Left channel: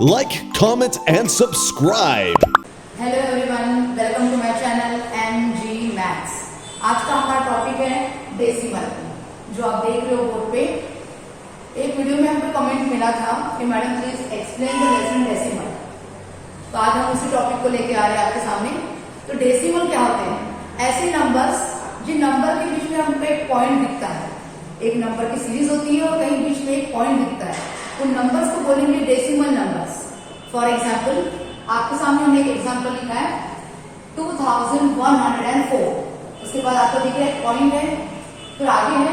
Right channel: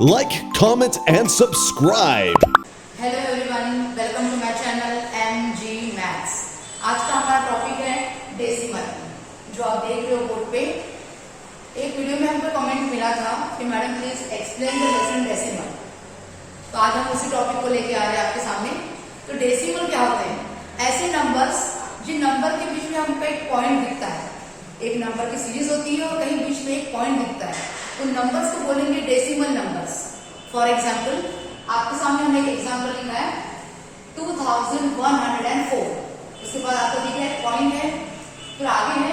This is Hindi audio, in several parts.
Like, comment, and subscribe. Hello everyone, welcome to my channel MG maths. आज का हमारा टॉपिक है डेसिमल, जो आप देख रहे हो बोर्ड पे। एक वीडियो में हमको कमेंट मिला था कि madam please explain the lesson decimal, तो आज हम उसी टॉपिक को लेके आ रहे हैं आपके सामने। तो डेसिमल क्या होते हैं? ऐसे नंबर्स जिन नंबर के बीच में हमको एक पॉइंट दिखता है। एक नंबर की सीरीज होती है और कहीं बीच में एक पॉइंट दिखता है, उन नंबर्स को बोलेंगे डेसिमल नंबर्स। फॉर एग्जाम्पल, आपके सामने हमने एक एग्जाम्पल लिखा है 2104। उसके बाद आपको दिख रहा है पॉइंट है, फिर आगे है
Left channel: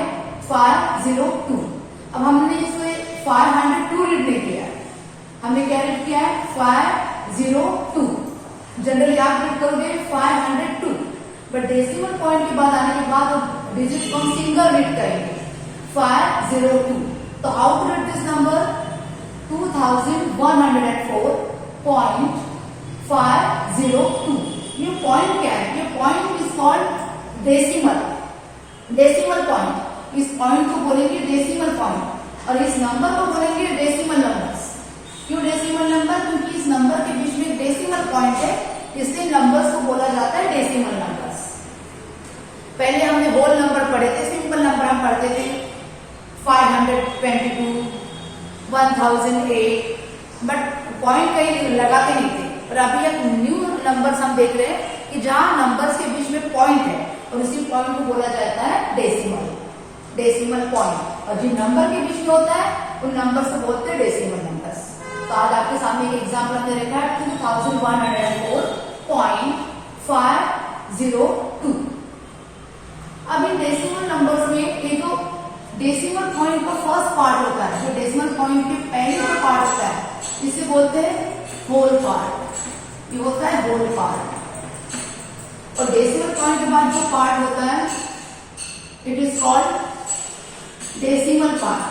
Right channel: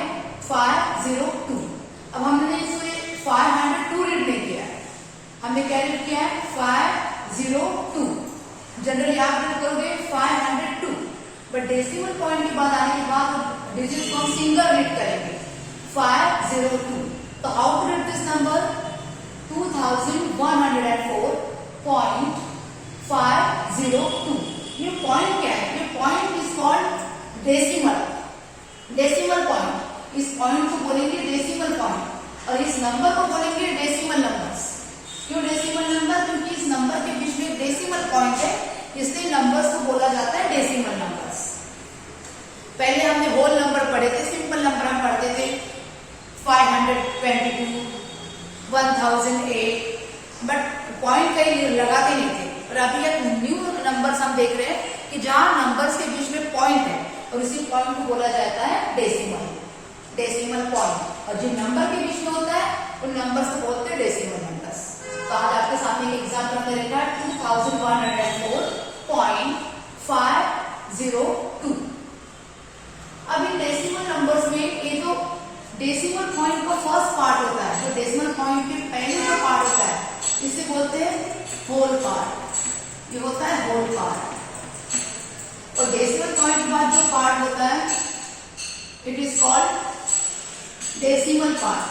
502। अब हमने इसमें 502 रीड नहीं किया है, हमने क्या रीड किया है 502। जनरली आप रीड करोगे 502, बट डेसिमल पॉइंट के बाद आने के बाद डिजिट को हम सिंगल रीड करेंगे 502। तो how to read this number 2104.502। ये पॉइंट क्या है? ये point is called decimal, decimal point. इस पॉइंट को बोलेंगे डेसिमल पॉइंट और इस नंबर को बोलेंगे डेसिमल नंबर्स। क्यों डेसिमल नंबर? क्योंकि इस नंबर के बीच में डेसिमल पॉइंट है, इसलिए नंबर्स को बोला जाता है डेसिमल नंबर्स। पहले हमने होल नंबर पढ़े थे, सिंपल नंबर हम पढ़ते थे 522, 1008, बट पॉइंट कहीं लगाते नहीं थे। पर अभी एक न्यू नंबर्स हम देख रहे हैं कि जहां नंबर्स के बीच में पॉइंट है और इसी पॉइंट को बोला जाता है डेसिमल, डेसिमल पॉइंट। और जिन नंबर के बीच में होता है उन नंबर्स को बोलते हैं डेसिमल नंबर्स। तो आज आपके सामने एक एग्जाम्पल हमने देखा है 2104.502। अब इन डेसिमल नंबर्स में ये जो डेसिमल पॉइंट का फर्स्ट पार्ट होता है, जो डेसिमल पॉइंट के पहले जो पार्ट होता है, इसे बोलते हैं होल पार्ट। ये होता है होल पार्ट। और डेसिमल पॉइंट के बाद जो पार्ट होता है it is called decimal part.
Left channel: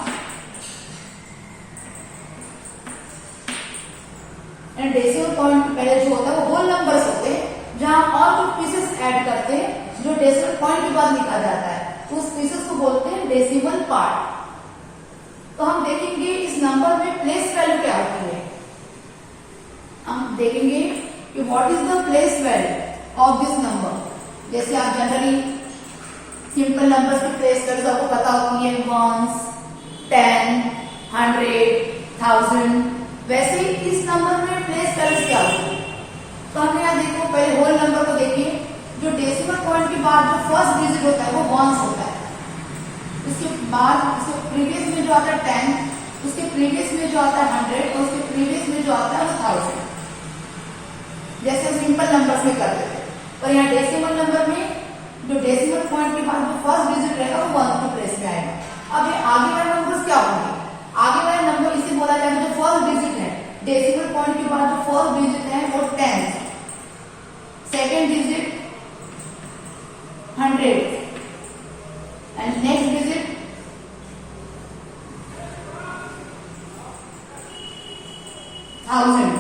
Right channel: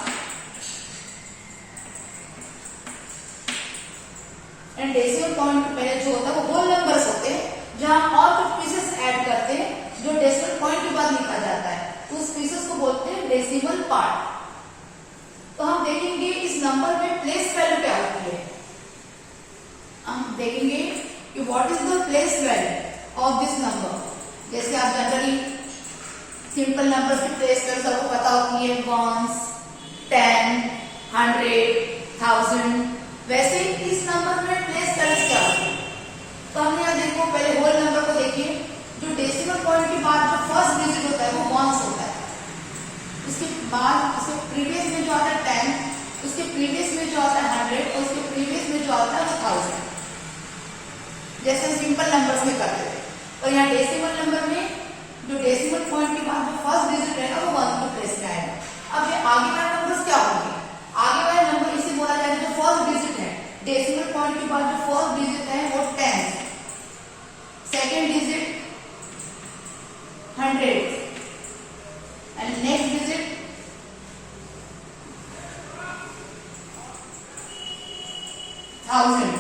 And decimal point के पहले जो होता है वो होल नंबर्स होते हैं, जहां और कुछ पीसेस ऐड करते हैं जो डेसिमल पॉइंट के बाद लिखा जाता है, तो उस पीसेस को बोलते हैं डेसिमल पार्ट। तो हम देखेंगे इस नंबर में प्लेस वैल्यू क्या होती है। हम देखेंगे कि what is the place value of this number. जैसे आप जनरली सिंपल नंबर्स की प्लेस वैल्यू आपको पता होती है, 1, 10, 100, 1000। वैसे इस नंबर में प्लेस वैल्यू क्या होती है? तो हमने यहाँ देखो, पहले होल नंबर को देखिए। जो डेसिमल पॉइंट के बाद जो फर्स्ट डिजिट होता है वो 1 होता है। उसके बाद उसके प्रीवियस में जो आता है 10, उसके प्रीवियस में जो आता है 100 और उसके प्रीवियस में जो आता है 1000। जैसे सिंपल नंबर्स में करते थे, पर यहाँ डेसिमल नंबर में जो डेसिमल पॉइंट के बाद जो फर्स्ट डिजिट रहेगा वो 1 के प्लेस में आएगा। अब ये आगे वाले नंबर्स क्या होंगे? आगे वाले नंबर इसे बोला जाएगा जो फर्स्ट डिजिट है, डेसिमल पॉइंट के बाद जो फर्स्ट डिजिट है वो 10, second digit 100 and next digit 1000,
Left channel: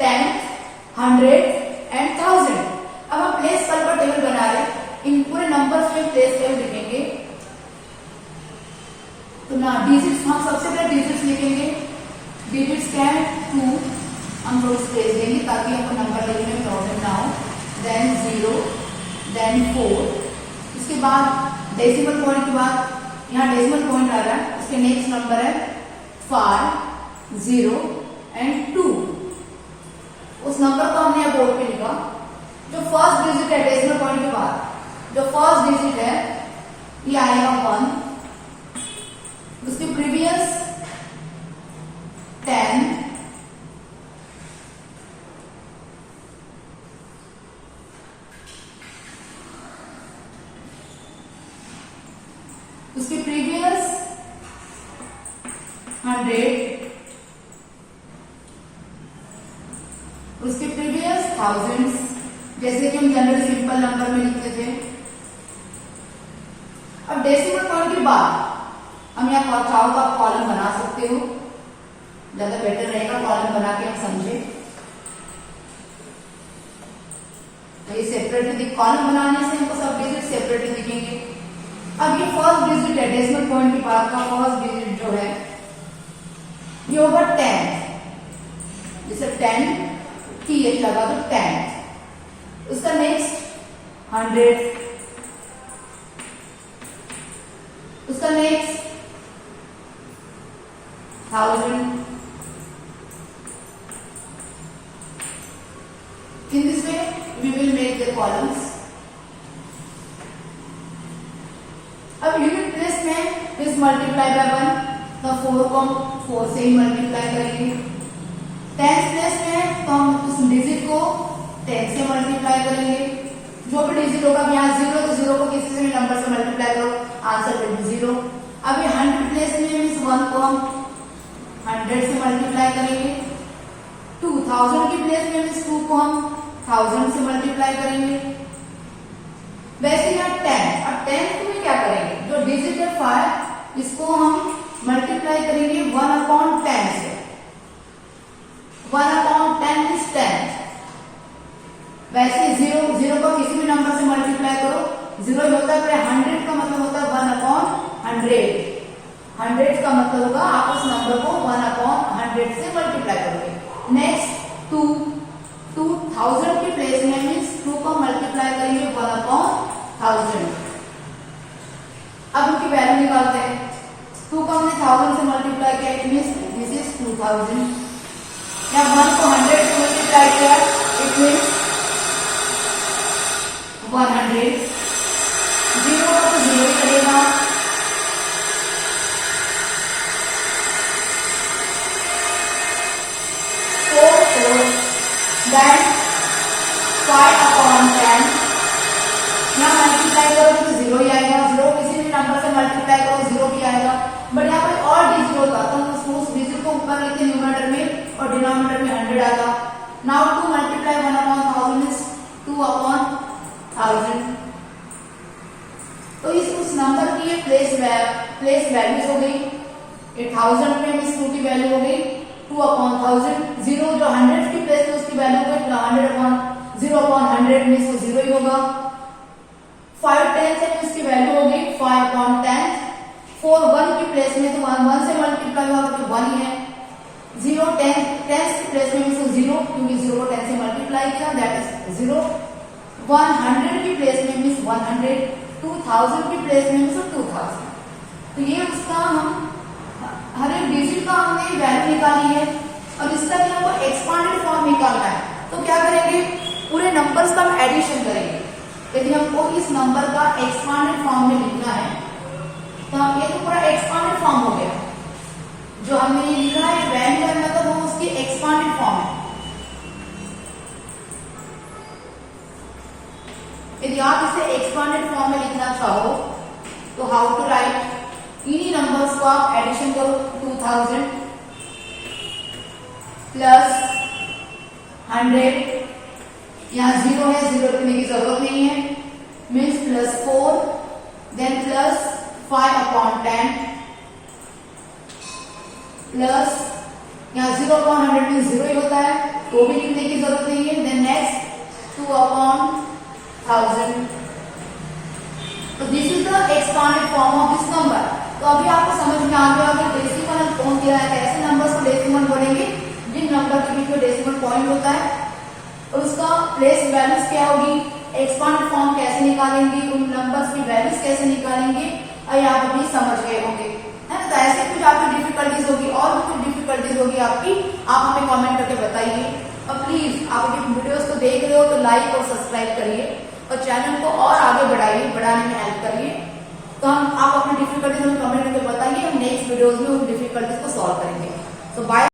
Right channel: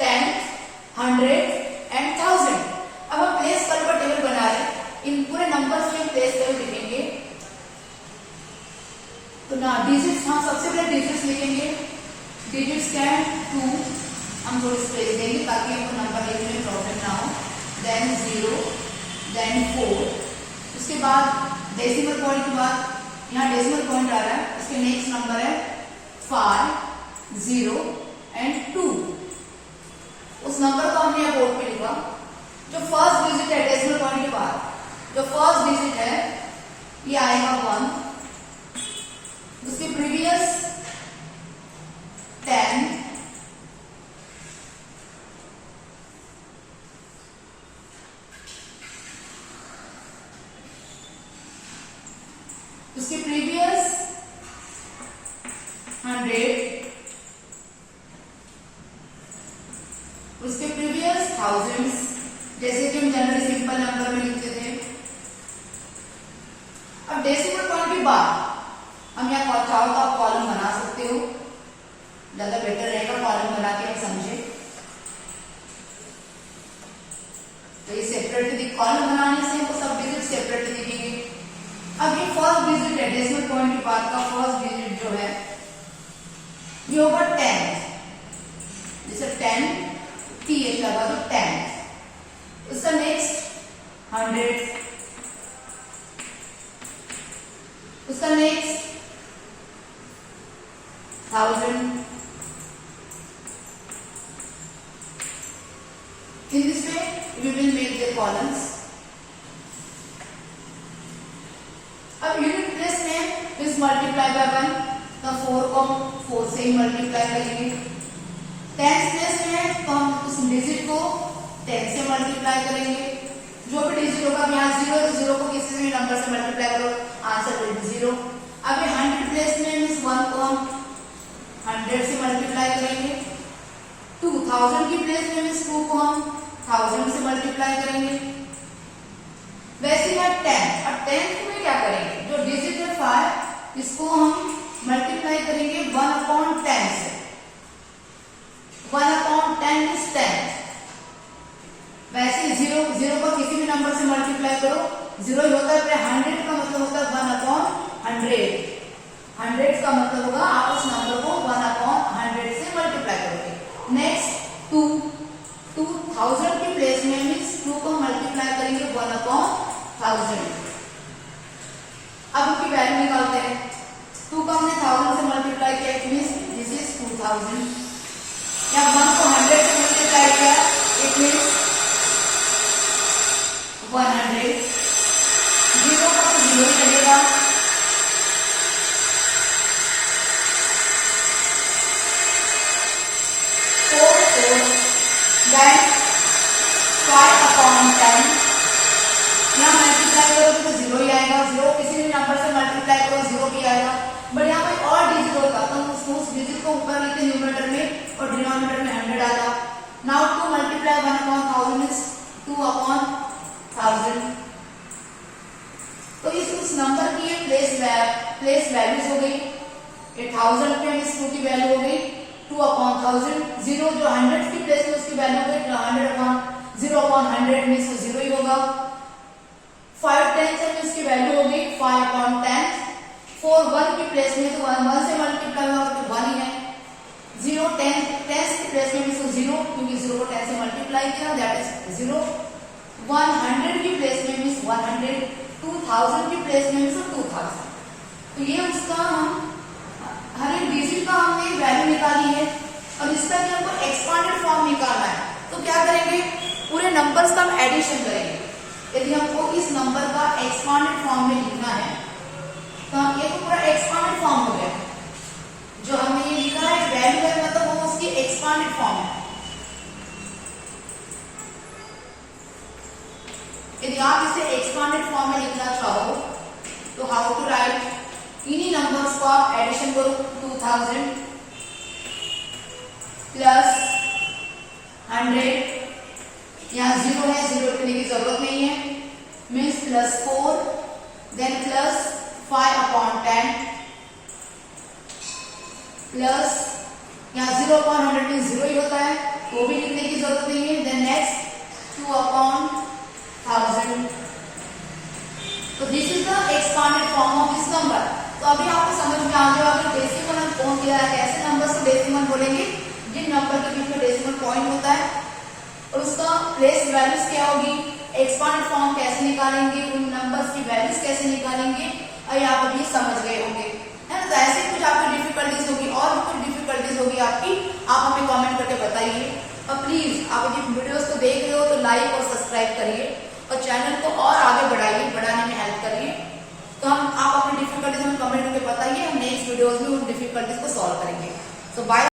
10, 100 and 1000। अब हम प्लेस वैल्यू का टेबल बना रहे हैं, इन पूरे नंबर्स में प्लेस वैल्यू लिखेंगे। तो ना डिजिट्स, हम सबसे पहले डिजिट्स लिखेंगे। डिजिट्स क्या है 2, हम थोड़ी स्पेस देंगे ताकि हमको नंबर लिखने में प्रॉब्लम ना हो। Then 0, then 4। उसके बाद डेसिमल पॉइंट के बाद यहाँ डेसिमल पॉइंट आ रहा है, उसके नेक्स्ट नंबर है 5, 0 एंड 2। उस नंबर को हमने यहाँ बोर्ड पे लिखा। जो फर्स्ट डिजिट है डेसिमल पॉइंट के बाद, जो फर्स्ट डिजिट है ये आएगा 1, उसके प्रीवियस 10, उसके प्रीवियस 100, उसके प्रीवियस 1000, जैसे कि हम जनरली सिंपल नंबर में लिखते थे। अब डेसिमल पॉइंट के बाद हम यहाँ चाहो तो आप कॉलम बना सकते हो, ज्यादा बेटर रहेगा कॉलम बना के हम समझे। तो ये सेपरेट कॉलम बनाने से हमको सब डिजिट सेपरेट दिखेंगे। अब ये फर्स्ट डिजिट है, डेसिमल पॉइंट के बाद का फर्स्ट डिजिट जो है ये होगा 10, जैसे 10 TH लगा तो 10। उसका नेक्स्ट 100, उसका next 1000। In this way we will make the columns. अब यूनिट प्लेस में इस मल्टीप्लाई बाय 1, तो 4 को हम 4 से ही मल्टीप्लाई करेंगे। टेंस प्लेस में तो हम उस डिजिट को 10 से मल्टीप्लाई करेंगे। जो भी डिजिट होगा यहाँ 0 तो 0 को किसी भी नंबर से मल्टीप्लाई करो, आंसर विल बी 0। अब ये 100 प्लेस में मीन्स 1 को हम 100 से मल्टीप्लाई करेंगे। 2000 की प्लेस में मीन्स 2 को हम 1000 से मल्टीप्लाई करेंगे। वैसे है 10, और 10 में क्या करेंगे, जो डिजिट है 5 इसको हम मल्टीप्लाई करेंगे 1/10 से। 1/10 इज 10। वैसे 0 को किसी भी नंबर से मल्टीप्लाई करो 0 ही होता है, फिर 100 का मतलब होता है 1/100। 100 का मतलब होगा आप उस नंबर को 1/100 से मल्टीप्लाई करोगे। नेक्स्ट 2000 की प्लेस में मीन्स 2 को मल्टीप्लाई करेंगे 1/1000। अब उनकी वैल्यू निकालते हैं। 2 को हमने 1000 से मल्टीप्लाई किया, इट मीन्स दिस इज 2000। या 1 को 100 से मल्टीप्लाई किया, इट मीन्स 100। 0 का तो 0 ही लगेगा। 4 then 5/10 यहाँ मल्टीप्लाई करोगे तो 0 ही आएगा। 0 किसी भी नंबर से मल्टीप्लाई करो 0 भी आएगा। बट यहाँ कोई और डिजिट होता तो हम उस डिजिट को ऊपर लिखते न्यूमरेटर में और डिनोमिनेटर में 100 आता। Now 2 multiply 1/1000 means 2/1000। तो उस नंबर की ये प्लेस वैल्यूज हो गई। 1000 पे मीन्स 2 की वैल्यू हो गई 2/1000। 0 जो 100 की प्लेस में उसकी वैल्यू हो गई 0/100 मीन्स वो 0 ही होगा। 5/10 है तो इसकी वैल्यू हो गई 5/10। 4 1 की प्लेस में तो 1 से मल्टीप्लाई होगा तो 1 ही है। 0 10 की प्लेस में मीन्स 0 क्योंकि 0 को 10 से मल्टीप्लाई किया, दैट इज 0। 100 की प्लेस में मीन्स 100। 2000 की प्लेस में मीन्स 2000। तो ये उसका हम हर एक डिजिट का हमने वैल्यू निकाली है। और इसका भी हमको एक्सपांडेड फॉर्म निकालना है, तो क्या करेंगे, पूरे नंबर्स का हम एडिशन करेंगे। यदि हमको इस नंबर का एक्सपांडेड फॉर्म में लिखना है तो हम ये तो पूरा एक्सपांडेड फॉर्म हो गया। जो हमने ये लिखा है वैल्यू है मतलब वो उसकी एक्सपांडेड फॉर्म है। यदि आप इसे एक्सपांडेड फॉर्म में लिखना चाहो तो हाउ टू राइट, इन्हीं नंबर्स को आप एडिशन करो। 2000 प्लस 100, यहाँ 0 है, 0 लिखने की जरूरत नहीं है, means plus 4 then plus 5/10 plus यहाँ 0/100 मीन्स 0 ही होता है, तो भी लिखने की जरूरत नहीं है। Then next 2/1000। तो this is the expanded form of this number. तो अभी आपको समझ में आ गया कि डेसिमल हम कौन दिया है, ऐसे नंबर्स को डेसिमल बोलेंगे जिन नंबर के बीच में डेसिमल पॉइंट होता है। और उसका प्लेस वैल्यूज क्या होगी, एक्सपांडेड फॉर्म कैसे निकालेंगे, उन नंबर्स की वैल्यूज कैसे निकालेंगे, और यहाँ पर भी समझ गए होंगे, है ना। तो ऐसे कुछ आपकी डिफिकल्टीज होगी और भी कुछ डिफिकल्टीज होगी आपकी, आप हमें कमेंट करके बताइए। और प्लीज आप यदि वीडियोस को देख रहे हो तो लाइक और सब्सक्राइब करिए और चैनल को और आगे बढ़ाने में हेल्प करिए। तो आप अपनी डिफिकल्टीज हमें कमेंट करके बताइए, हम नेक्स्ट वीडियोज में उन डिफिकल्टीज को सॉल्व करेंगे। तो बाय।